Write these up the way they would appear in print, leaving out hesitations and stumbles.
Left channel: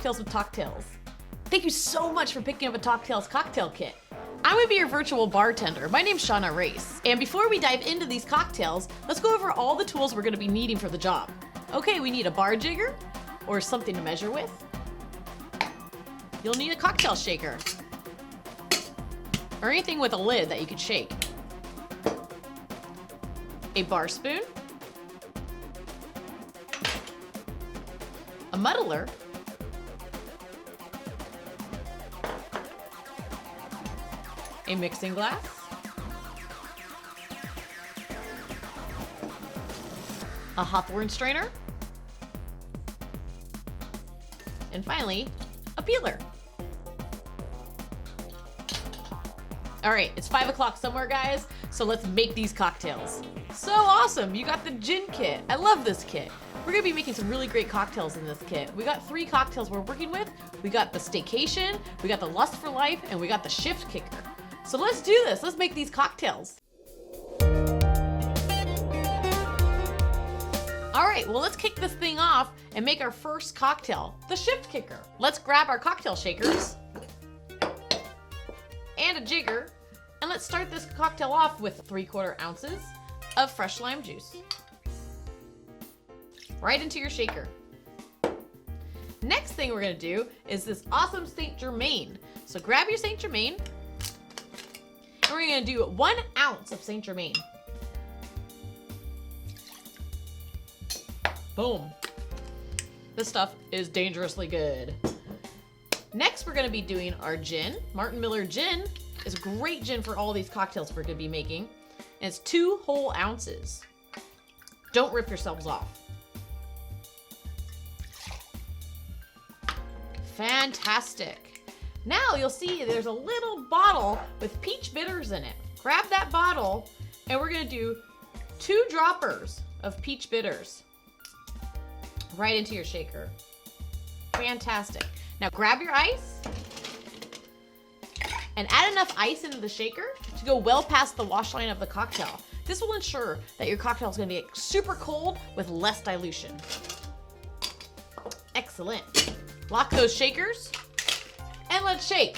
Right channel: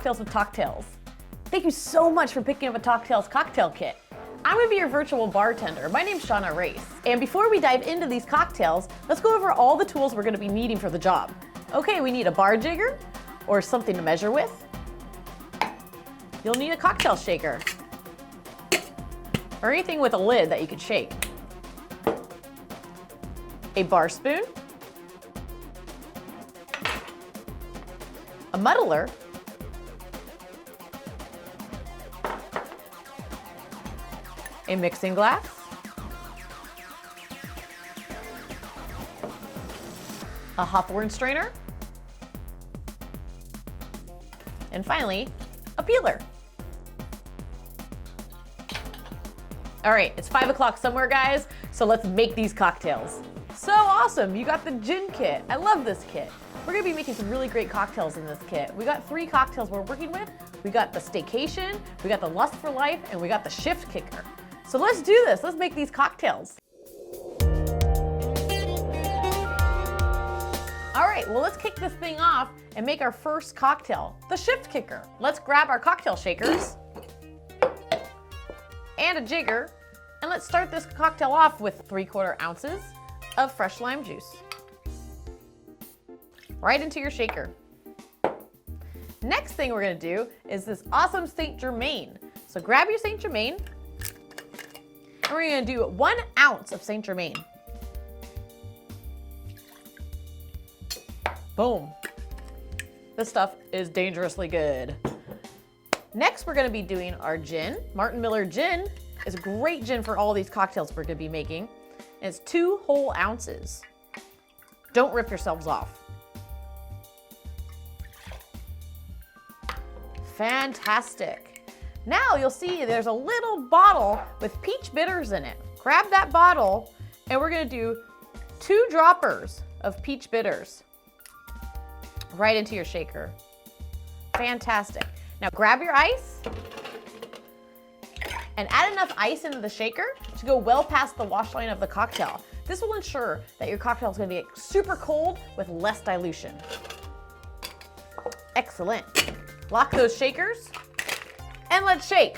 Cocktails with TalkTales. Thank you so much for picking up a TalkTales Cocktail Kit. I'm going to be your virtual bartender. My name's Shauna Race. And before we dive into these cocktails, let's go over all the tools we're going to be needing for the job. Okay, we need a bar jigger, or something to measure with. You'll need a cocktail shaker, or anything with a lid that you could shake. A bar spoon, a muddler, a mixing glass, a hopper and strainer, and finally, a peeler. All right, it's 5 o'clock somewhere, guys, so let's make these cocktails. So awesome, you got the gin kit. I love this kit. We're gonna be making some really great cocktails in this kit. We got 3 cocktails we're working with. We got the Staycation, we got the Lust for Life, and we got the Shift Kicker. So let's do this, let's make these cocktails. All right, well, let's kick this thing off and make our first cocktail, the Shift Kicker. Let's grab our cocktail shakers and a jigger, and let's start this cocktail off with 3/4 ounces of fresh lime juice. Right into your shaker. Next thing we're gonna do is this awesome Saint Germain. So grab your Saint Germain, and we're gonna do 1 ounce of Saint Germain. Boom. This stuff is dangerously good. Next, we're gonna be doing our gin. Martin Miller gin is a great gin for all these cocktails we're gonna be making. And it's 2 whole ounces. Don't rip yourselves off. Fantastic. Now you'll see there's a little bottle with peach bitters in it. Grab that bottle, and we're gonna do 2 droppers of peach bitters right into your shaker. Fantastic. Now grab your ice and add enough ice into the shaker to go well past the wash line of the cocktail. This will ensure that your cocktail is going to be super cold with less dilution. Excellent. Lock those shakers and let's shake.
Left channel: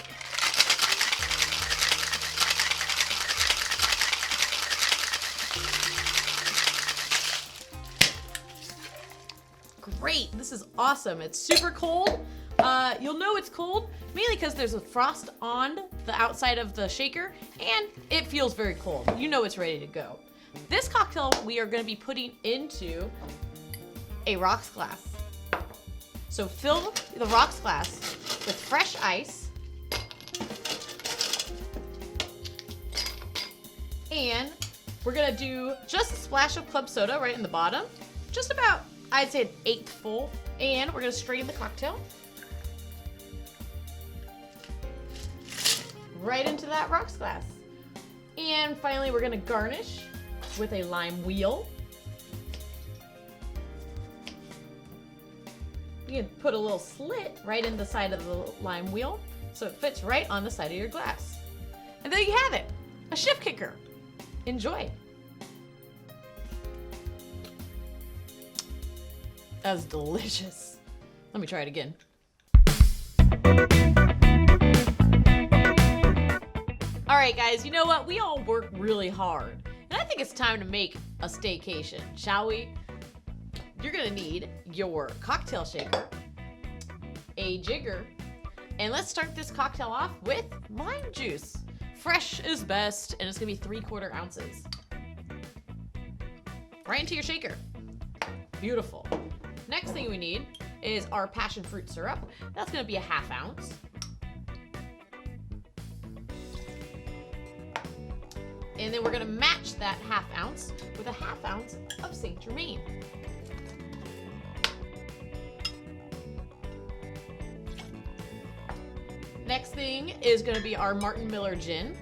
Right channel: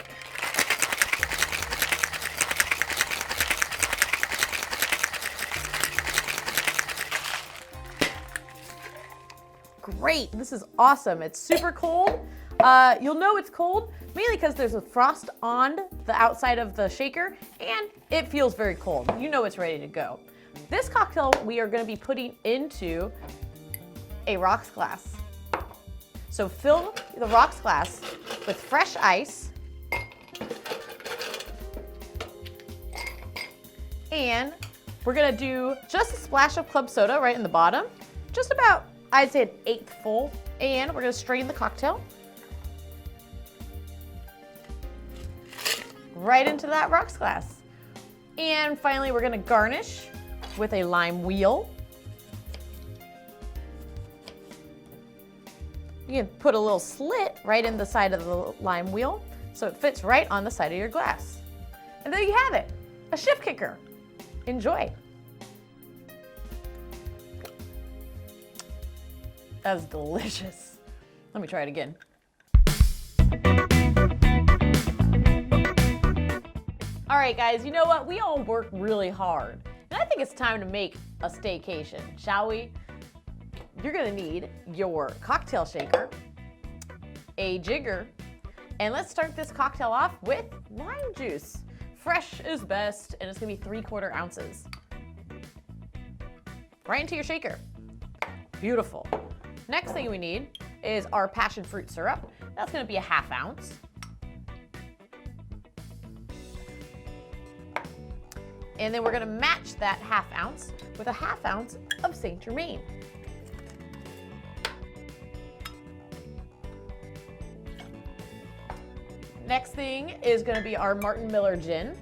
Great, this is awesome. It's super cold. You'll know it's cold mainly because there's a frost on the outside of the shaker and it feels very cold. You know it's ready to go. This cocktail we are going to be putting into a rocks glass. So fill the rocks glass with fresh ice and we're going to do just a splash of club soda right in the bottom, just about, I'd say, 1/8 full, and we're going to strain the cocktail right into that rocks glass. And finally, we're going to garnish with a lime wheel. You can put a little slit right in the side of the lime wheel so it fits right on the side of your glass. And there you have it, a Shift Kicker. Enjoy. That's delicious. Let me try it again. All right, guys, you know what? We all work really hard. And I think it's time to make a staycation, shall we? You're gonna need your cocktail shaker, a jigger, and let's start this cocktail off with lime juice. Fresh is best, and it's gonna be 3/4 ounces. Right into your shaker. Beautiful. Next thing we need is our passion fruit syrup. That's gonna be a 1/2 ounce. And then we're gonna match that 1/2 ounce with a 1/2 ounce of Saint Germain. Next thing is gonna be our Martin Miller gin.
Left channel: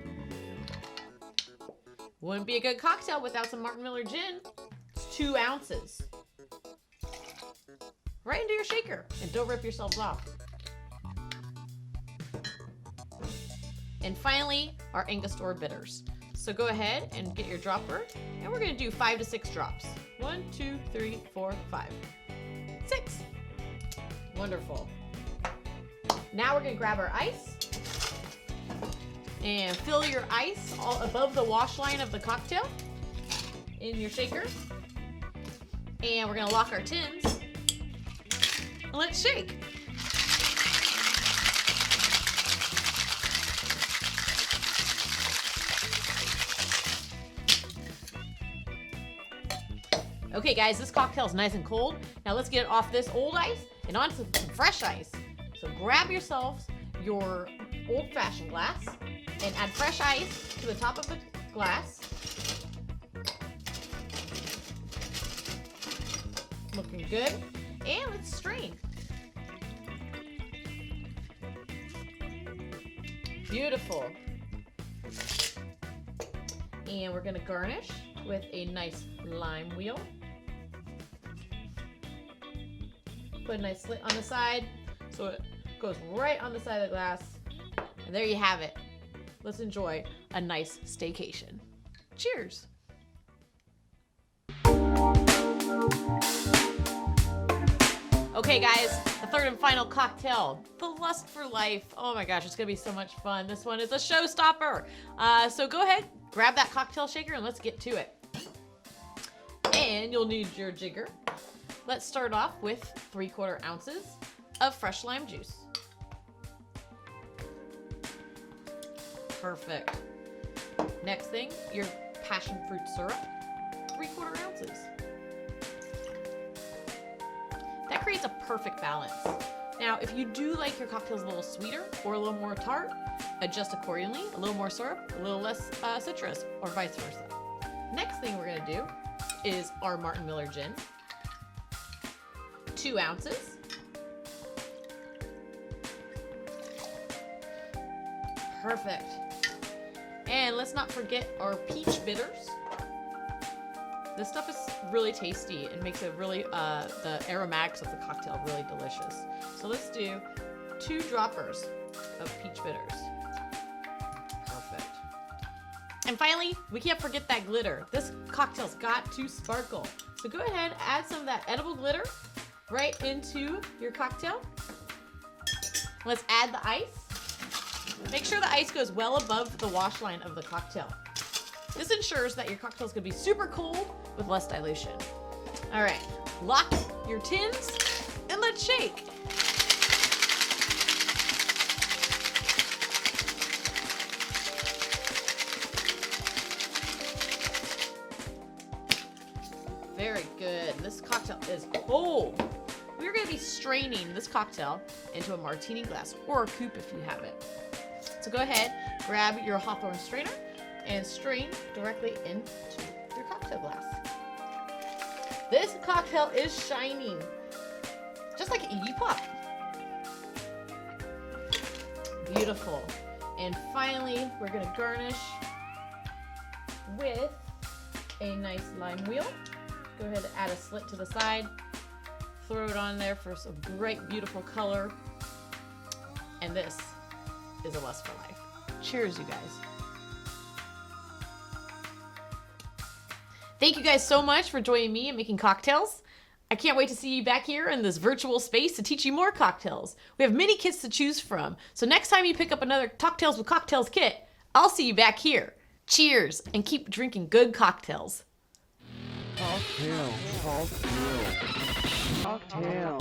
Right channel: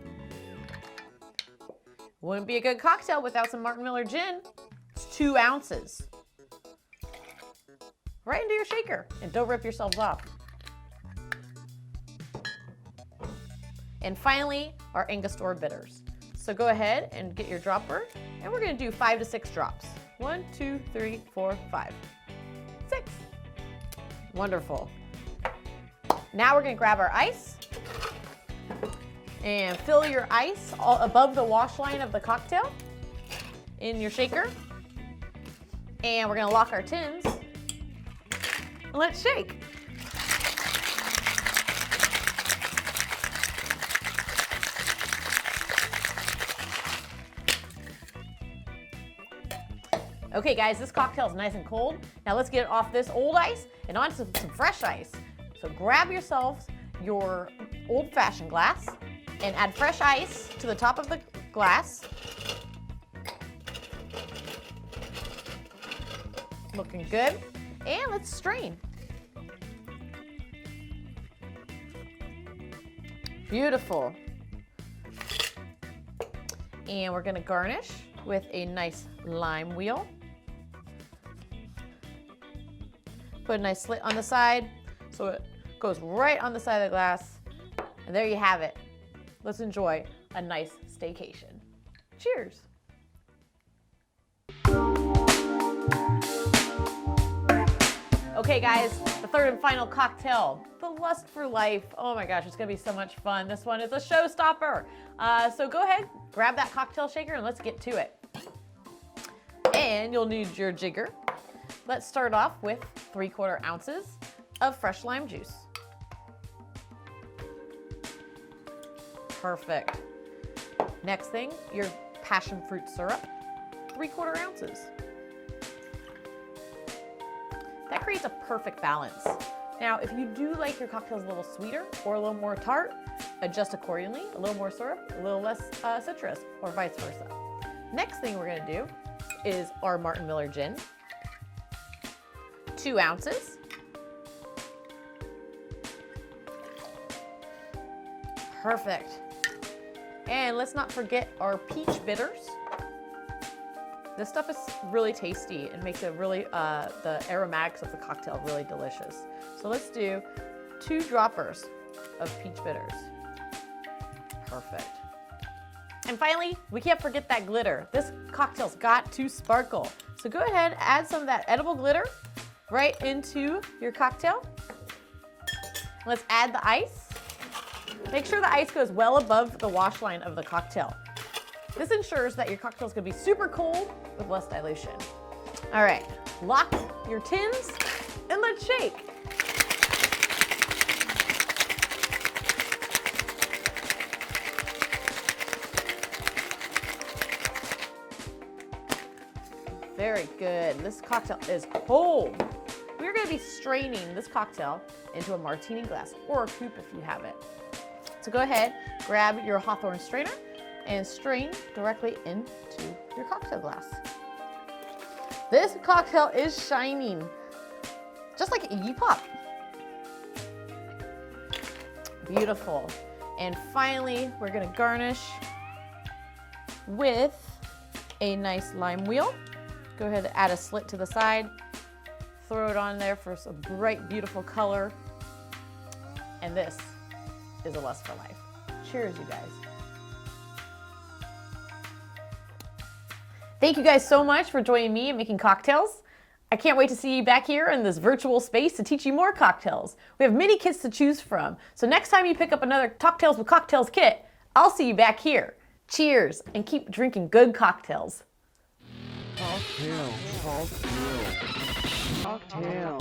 Wouldn't be a good cocktail without some Martin Miller gin. It's 2 ounces. Right into your shaker, and don't rip yourselves off. And finally, our Angostura bitters. So go ahead and get your dropper, and we're gonna do 5 to 6 drops. 1, 2, 3, 4, 5, 6. Wonderful. Now we're gonna grab our ice and fill your ice all above the wash line of the cocktail in your shaker. And we're gonna lock our tins and let's shake. Okay guys, this cocktail is nice and cold. Now let's get it off this old ice and onto some fresh ice. So grab yourselves your old-fashioned glass and add fresh ice to the top of the glass. Looking good. And let's strain. Beautiful. And we're gonna garnish with a nice lime wheel. Put a nice slit on the side so it goes right on the side of the glass. And there you have it. Let's enjoy a nice staycation. Cheers. Okay guys, the third and final cocktail, the Lust for Life. Oh my gosh, it's gonna be so much fun. This one is a showstopper. So go ahead, grab that cocktail shaker and let's get to it. And you'll need your jigger. Let's start off with 3/4 ounces of fresh lime juice. Perfect. Next thing, your passion fruit syrup, 3/4 ounces. That creates a perfect balance. Now, if you do like your cocktails a little sweeter or a little more tart, adjust accordingly. A little more syrup, a little less citrus, or vice versa. Next thing we're gonna do is our Martin Miller gin, 2 ounces. Perfect. And let's not forget our peach bitters. This stuff is really tasty and makes it really, the aromatics of the cocktail really delicious. So let's do 2 droppers of peach bitters. Perfect. And finally, we can't forget that glitter. This cocktail's got to sparkle. So go ahead, add some of that edible glitter right into your cocktail. Let's add the ice. Make sure the ice goes well above the wash line of the cocktail. This ensures that your cocktail is going to be super cold with less dilution. All right, lock your tins and let's shake. Very good. This cocktail is cold. We're going to be straining this cocktail into a martini glass or a coupe if you have it. So go ahead, grab your Hawthorne strainer and strain directly into your cocktail glass. This cocktail is shining, just like Iggy Pop. Beautiful. And finally, we're gonna garnish with a nice lime wheel. Go ahead and add a slit to the side. Throw it on there for some bright, beautiful color. And this is a Lust for Life. Cheers, you guys. Thank you guys so much for joining me in making cocktails. I can't wait to see you back here in this virtual space to teach you more cocktails. We have many kits to choose from. So next time you pick up another TalkTales with Cocktails kit, I'll see you back here. Cheers, and keep drinking good cocktails. Cocktail.